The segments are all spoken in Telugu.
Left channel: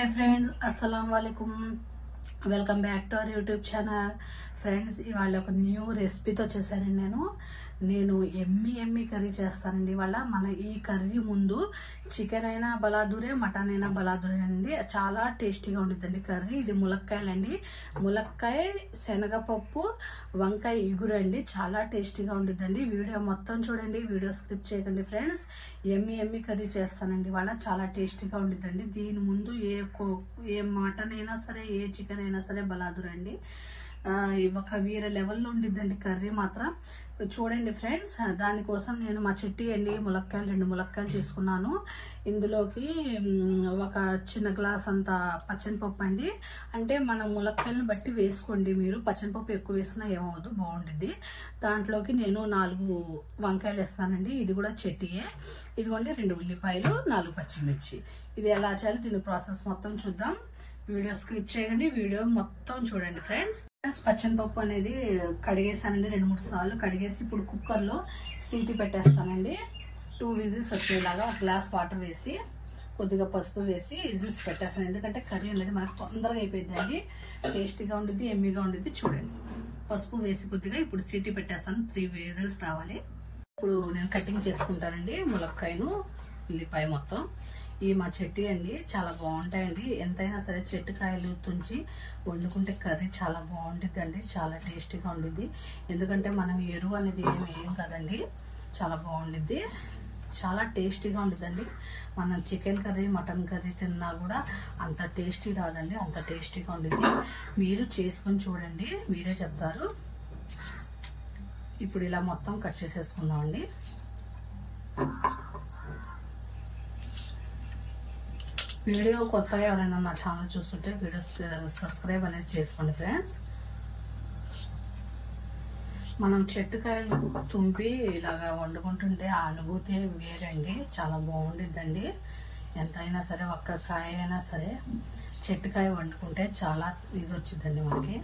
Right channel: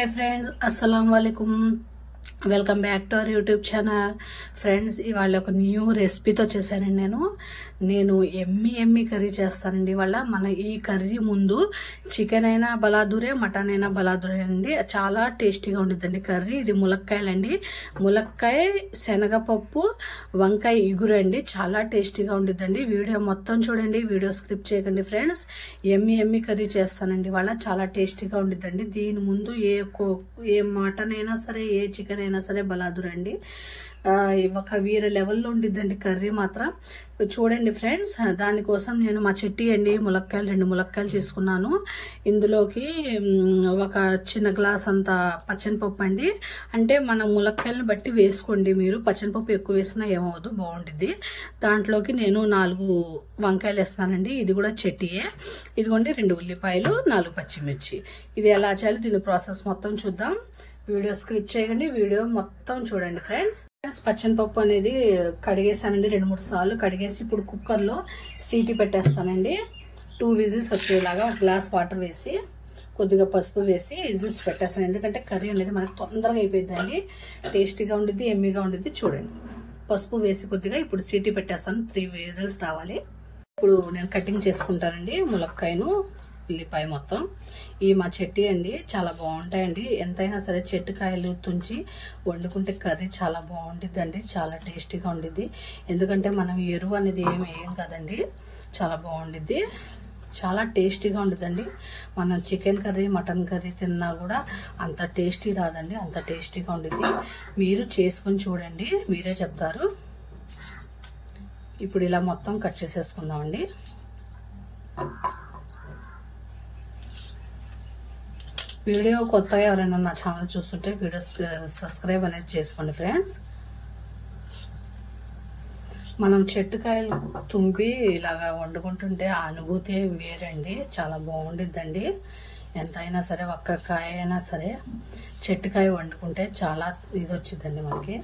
हाय फ्रेंड्स अस्सलाम वालेकुम welcome back to our YouTube channel friends ఇవాళ ఒక న్యూ రెసిపీతో చేశానండి నేను ఎమ్మి కర్రీ చేస్తానండి ఇవాళ మన ఈ కర్రీ ముందు చికెన్ అయినా బలాదూరే మటన్ అయినా బలాదూరే అండి చాలా టేస్టీగా ఉండిద్దండి కర్రీ ఇది ములక్కాయలండి ములక్కాయ శనగపప్పు వంకాయ ఇగురు అండి చాలా టేస్టీగా ఉండిద్దండి వీడియో మొత్తం చూడండి వీడియో స్కిప్ చేయకండి ఫ్రెండ్స్ ఎమ్మి కర్రీ చేస్తానండి ఇవాళ చాలా టేస్టీగా ఉండిద్దండి దీని ముందు ఏ మటన్ అయినా సరే ఏ చికెన్ అయినా సరే బలాదురండి ఒక వీర లెవెల్లో ఉండిద్దండి కర్రీ మాత్రం చూడండి ఫ్రెండ్స్ దానికోసం నేను మా చెట్టి అండి ములక్కాయలు 2 ములక్కాయలు తీసుకున్నాను ఇందులోకి ఒక చిన్న గ్లాస్ అంత పచ్చనిపప్పు అండి అంటే మన ములక్కాయలను బట్టి వేసుకోండి మీరు పచ్చనిపప్పు ఎక్కువ వేసినా ఏమవదు బాగుంటుంది దాంట్లోకి నేను 4 వంకాయలు వేస్తానండి ఇది కూడా చెట్టియే ఇదిగోండి 2 ఉల్లిపాయలు 4 పచ్చిమిర్చి ఇది ఎలా చేయాలి దీని ప్రాసెస్ మొత్తం చూద్దాం వీడియో స్కిప్ చేయకండి వీడియో మొత్తం చూడండి ఫ్రెండ్స్ పచ్చనిపప్పు అనేది కడిగేసానండి 2-3 సార్లు కడిగేసి ఇప్పుడు కుక్కర్లో సీటీ పెట్టేస్తానండి 2 విజిల్స్ వచ్చేలాగా ఒక గ్లాస్ వాటర్ వేసి కొద్దిగా పసుపు వేసి విజిల్స్ పెట్టేస్తాను ఎందుకంటే కర్రీ అనేది మనకు తొందరగా అయిపోయిందండి టేస్టీగా ఉండిద్ది ఎమ్మిగా ఉండిద్ది చూడండి పసుపు వేసి కొద్దిగా ఇప్పుడు సీటీ పెట్టేస్తాను 3 విజిల్స్ రావాలి ఇప్పుడు నేను కటింగ్ చేసుకుంటానండి ములక్కాయను ఉల్లిపాయ మొత్తం ఈ మా చెట్టి అండి చాలా బాగుంటాయండి ఎంతైనా సరే చెట్టుకాయలు తుంచి వండుకుంటే కర్రీ చాలా బాగుంటుందండి చాలా టేస్టీగా ఉండిద్ది ఎందుకంటే మనం ఎరువు అనేది ఏం వేయం కదండి చాలా బాగుండిద్ది చాలా టేస్టీగా ఉంటుందండి మనం చికెన్ కర్రీ మటన్ కర్రీ తిన్నా కూడా అంత టేస్టీ రాదండి అంత టేస్టీగా ఉండిద్ది మీరు చేసుకొని చూడండి మీరే చెప్తారు ఇప్పుడు ఇలా మొత్తం కట్ చేసేసుకుందామండి వీడియో కొత్తగా ఎవరైనా నా ఛానల్ చూస్తుంటే వీడియో సబ్స్క్రైబ్ అనేది చేసుకోండి ఫ్రెండ్స్ మనం చెట్టుకాయలు తుంపి ఇలాగా వండుకుంటుంటే ఆ అనుభూతి వేరండి చాలా బాగుండిద్దండి ఎంతైనా సరే ఒక్క కాయ అయినా సరే చెట్టుకాయ వండుకుంటే చాలా ఇది వచ్చిందండి మనకి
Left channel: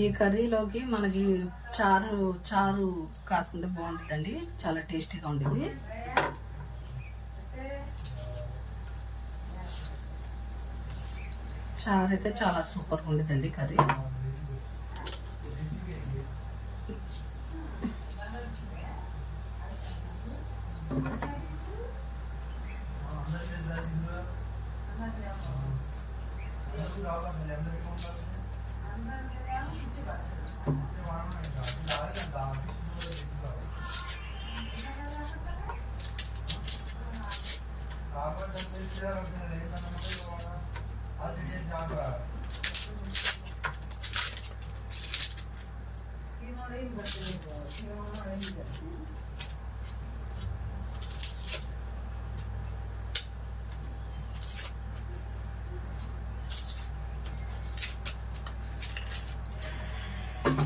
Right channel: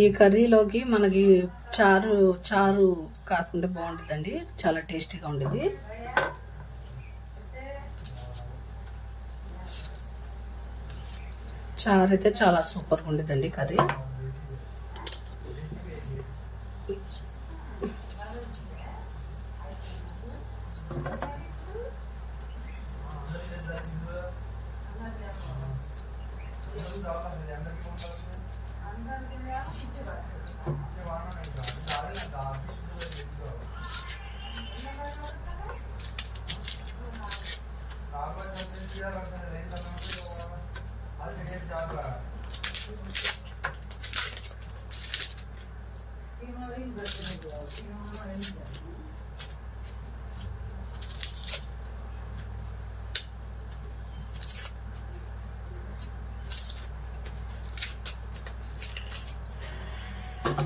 ఈ కర్రీలోకి మనకి చారు కాసుకుంటే బాగుంటుందండి చాలా టేస్టీగా ఉంటుంది చారు అయితే చాలా సూపర్గా ఉంటుందండి కర్రీ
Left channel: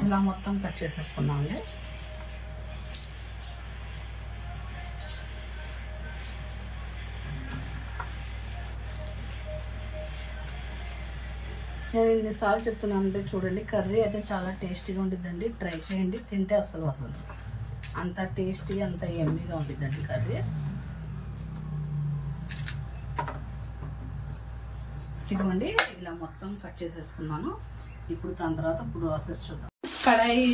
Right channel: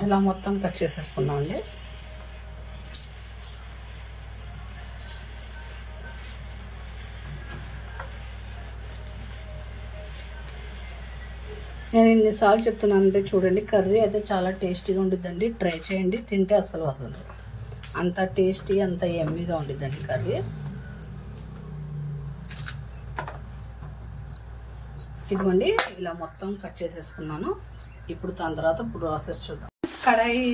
ఇలా మొత్తం కట్ చేసేసుకున్నామండి నేను ఎన్నిసార్లు చెప్తున్నానంటే చూడండి కర్రీ అయితే చాలా టేస్టీగా ఉండిద్దండి ట్రై చేయండి తింటే అస్సలు వదలదు అంత టేస్టీ అంత ఎమ్మీగా ఉండిద్దండి కర్రీ ఇదిగోండి ఇలా మొత్తం కట్ చేసేసుకున్నాను ఇప్పుడు దాని తర్వాత ప్రాసెస్ చూద్దాం కడాయి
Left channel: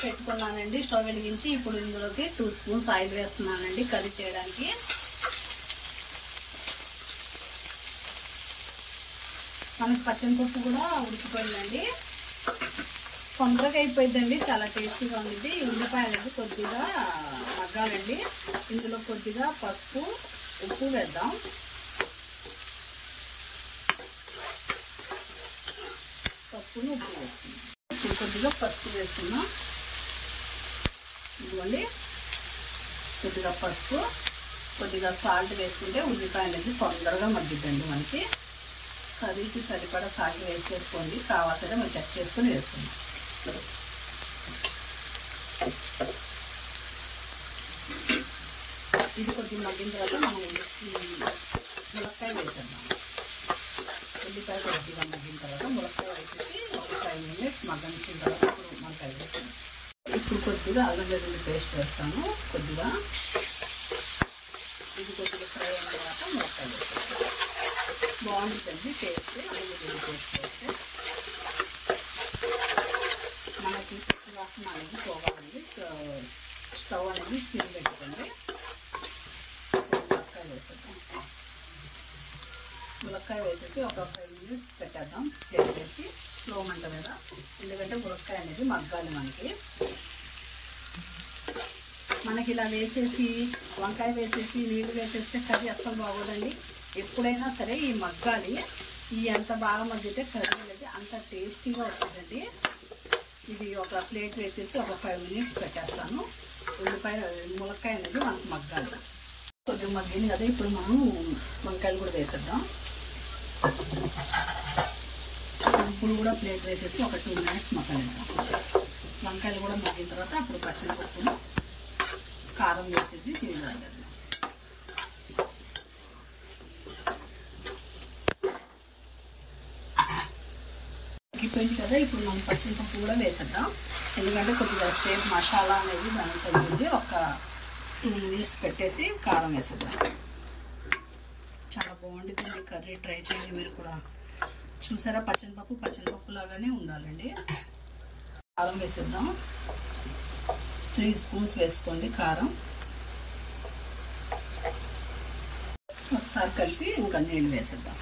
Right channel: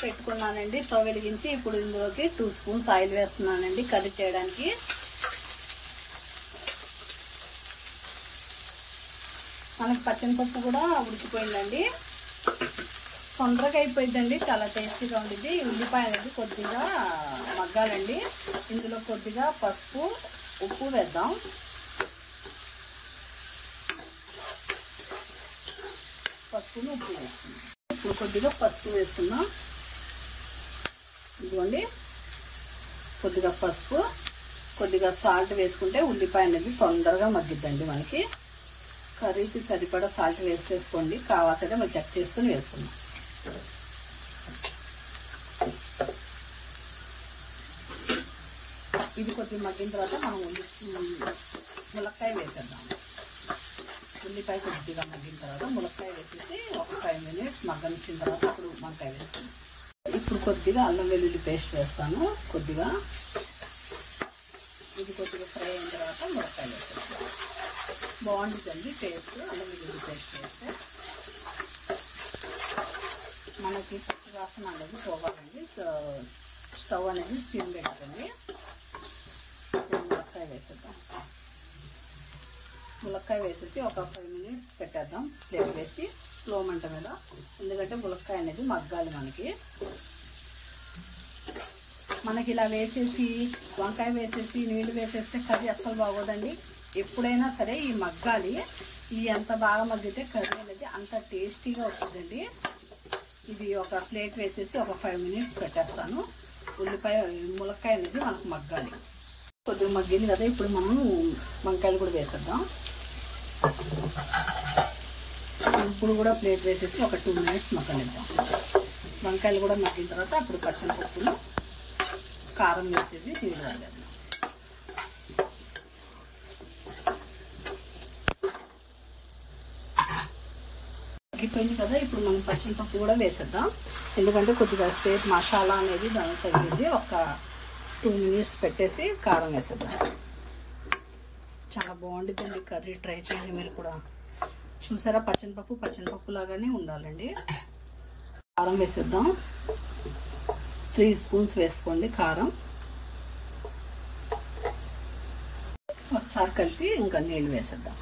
పెట్టుకున్నానండి స్టవ్ వెలిగించి ఇప్పుడు ఇందులోకి 2 స్పూన్స్ ఆయిల్ వేస్తున్నానండి కర్రీ చేయడానికి మనకి పచ్చనిపప్పు కూడా ఉడికిపోయిందండి తొందరగా అయిపోయిందండి చాలా టేస్టీగా ఉండిద్ది ఉల్లిపాయ అనేది కొద్దిగా మగ్గాలండి ఇందులో కొద్దిగా పసుపు ఉప్పు వేద్దాం పసుపుని ఉప్పు వేసుకుందాం. ఇప్పుడు కొద్దిగా పసుపు వేసుకుందాం. ఇదిగోండి కొద్దిగా పసుపు, కొద్దిగా సాల్ట్ వేసుకుంటే ఉల్లిపాయ అనేది తొందరగా మగ్గిద్దండి. మనకి కర్రీకి సరిపడా సాల్ట్ వేసేసుకోండి. కావాల్సింటే మనం చెక్ చేసుకుని వేసుకుందాం. ఇది కొద్దిగా మగ్గిన తర్వాత మనం ములక్కాయ వేసేద్దాం. ఉల్లిపాయ కొద్దిగా మగ్గిన తర్వాత ములక్కాయ వేసేసి ఒక 5 minutes మగ్గనిచ్చిన తర్వాత ఇప్పుడు వంకాయ వేస్తాను. ఇప్పుడు కొద్దిగా అల్లం వెల్లుల్లి పేస్ట్ వేస్తాను. కొద్దిగా ఇది కొద్దిగా ఫ్రై అయిన తర్వాత ములక్కాయ వేస్తాను. బాగుంటుందండి టేస్ట్. అల్లం వెల్లుల్లి పేస్ట్ వేస్తే మనకి పచ్చి వాసన అనేది పోవాలండి. స్టవ్ అనేది సిమ్ పెట్టుకోండి. ములక్కాయ వేసేద్దాం. ములక్కాయ వేసేసి ఒక 5 minutes పెట్టేద్దాం. ప్లేట్ వేసి స్లో మంట మీద, ఎందుకంటే ములక్కాయ అనేది మగ్గాలి. మనకి ఇలా వేసేసి వంకాయ వేసేసి నీళ్ళు వేసేస్తే కర్రీ అస్సలు బాగోదండి. ఎప్పుడైనా సరే ఈ మగ్గాలి. ఈ ఎంత బాగా మగ్గితే కర్రీ అనేది అంత టేస్టీగా వస్తుందండి. ఇది ఒక ప్లేట్ వేసేసి ఒక 5 minutes పెట్టేస్తాను. ములక్కాయ అనేది మనకు మగ్గాలి. కొద్దిగా మగ్గింది కదా, ఇప్పుడు మనం వంకాయలు కూడా వేసేద్దాం. ఇప్పుడు కూడా ప్లేట్ వేసేసి ఒక 2 minutes మగ్గనిద్దాం. వంకాయలు కూడా మగ్గిన తర్వాత అప్పుడు పచ్చిమిరపప్పును కారం వేసేసి నీళ్ళు వేద్దాం. మగ్గిపోయింది కదా, ఇప్పుడు మనం పచ్చిమిరపప్పు కూడా వేసేద్దాం. ఎందుకంటే కొద్దిగా సేపు మసాలా అనేది దానికి తగ్గింది. ఒక 2 minutes పెట్టేసి కారం వేసేద్దాం. చాలా బాగుంటుందండి కర్రీ. ట్రై చేయండి మీరు కూడా. చూసారా, పచ్చిమిరపప్పు లాగానే ఉండాలండి. కారం వేసేద్దాం. 3 spoons వేసుకోండి కారం. ఒకసారి కలిపి ఇంకా నీళ్ళు వేసేద్దాం.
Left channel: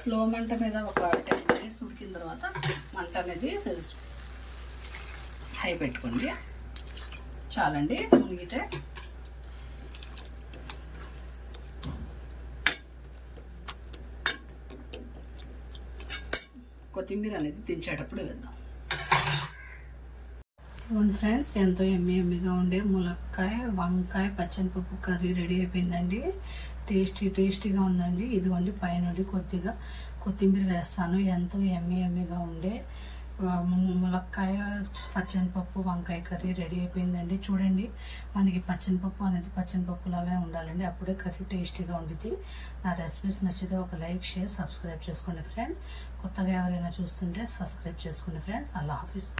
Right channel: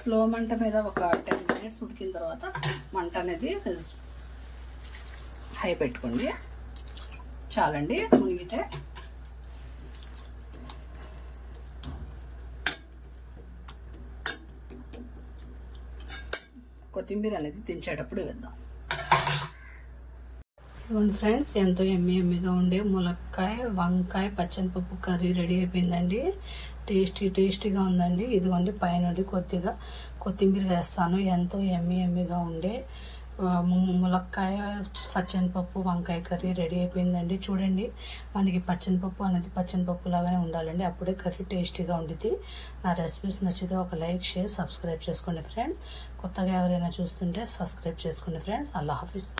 స్లో మంట మీద ఒక 10 minutes ఉడికిన తర్వాత మంట అనేది హై పెట్టుకోండి. చాలండి మునిగితే. కొత్తిమీర అనేది దించేటప్పుడు వేద్దాం. ఫ్రెండ్స్, ఎంతో ఎమ్మీగా ఉండే ములక్కాయ వంకాయ పచ్చనిపప్పు కర్రీ రెడీ అయిపోయిందండి. టేస్టీగా ఉందండి. ఇదిగోండి పైన కొద్దిగా కొత్తిమీర వేస్తాను. ఎంతో ఎమ్మీగా ఉండే ములక్కాయ పచ్చనిపప్పు వంకాయ కర్రీ రెడీ అయిపోయిందండి. చూడండి, మనకి పచ్చనిపప్పు అనేది పచ్చనిపప్పు లాగానే ఉండాలండి. అప్పుడే కర్రీ టేస్టీగా ఉంటుంది. నా రెసిపీస్ నచ్చితే ఒక లైక్, షేర్, సబ్స్క్రైబ్ చేసుకోండి ఫ్రెండ్స్. కొత్తగా ఎవరైనా చూస్తుంటే సబ్స్క్రైబ్ చేసుకోండి ఫ్రెండ్స్. అల్లా హాఫీజ్.